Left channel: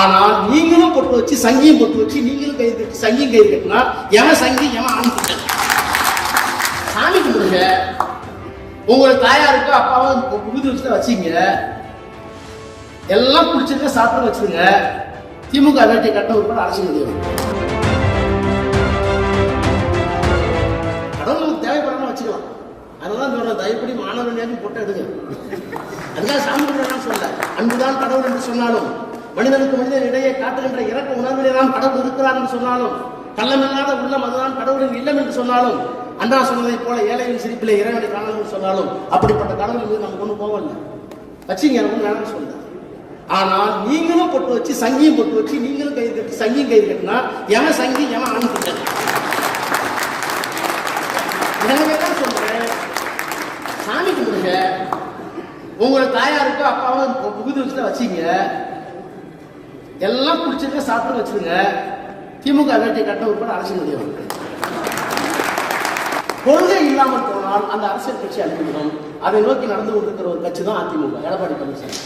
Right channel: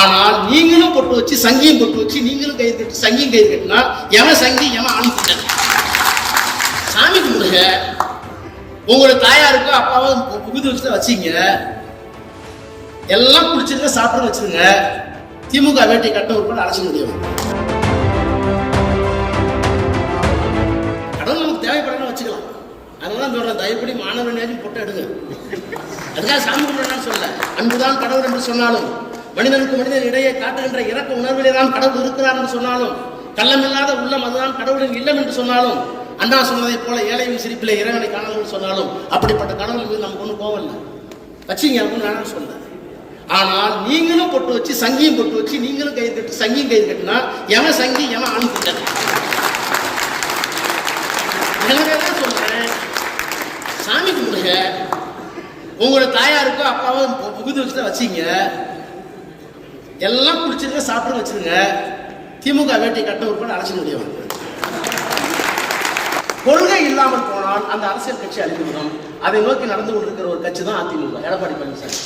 ஆனால் நீங்களும் பொட்டு வச்சு சங்கியும் பொட்டு வச்சு நீங்களும் கை கட்டி சங்கியும் கை கட்டினா எவன் சங்கி எவன் அனுப்பிட்ட சாமி கும்பிடுங்க. உங்களோட தாயாருக்கோ அப்பாவும் புகுது வச்சு தான் வச்சிங்க எல்லாம் குடிச்சிருக்க சாப்பிட வச்சுருங்க திமுக வேட்டை கட்ட உட்பட அரசு முடியும் கடவுள் நமக்கு தேவைப்படணும் வச்சுக்கலாம். அதனால தான் சொல்றேன் தயப்படி மாணவனையாச்சும் பொட்டை எடுங்க. அதுக்காக சாமி கும்பிடலாம் சொல்ல அன்புதான் கடவுள் என்று சொன்னாலும் மனிதனுக்கு மனிதன் இடையே காட்டுகின்ற இறக்க உணர்விலே தான் கடவுள் இருக்கிறார் என்று சொன்னாலும் கள்ளமில்லாத உள்ளம் அதுதான் கடவுளின் இல்லம் என்று சொன்னாலும் அண்ணா சொன்னதைப் போல ஏழையின் சிரிப்பிலே இறைவனை காணலாம் சொன்னாலும் அப்படிப்பட்ட கடவுள் மீது நமக்கு ஒன்றும் கோவம் இல்லை. வச்சிங்க அப்படின்னு நான் சொல்றேன். ஆனால் நீங்களும் பொட்டு வச்சு சங்கியும் பொட்டு வச்சு நீங்களும் கை கட்டு சங்கியும் கை கட்டினா எவன் சங்கி எவன் அனுப்பிட்ட எனவே தான் சொல்றேன்? சாமி கும்பிடுங்க. உங்களோட தாயாருக்கோ அப்பாவும் புகுது வச்சு தான் வச்சிங்க. எல்லாம் குடிச்சிருக்க சாப்பிட வச்சிருங்க. திமுக வேட்டை கட்ட உட்பட அரசியல் முடியும் கொள்கை இல்லாமல் போனால் அந்த அரசியல் கட்சி அழிந்துவிடும். அதை நோக்கி நடந்து கொண்டிருக்கிற ஒரு கட்சி தான் அதிமுக. எடப்பாடி பழனிசாமி.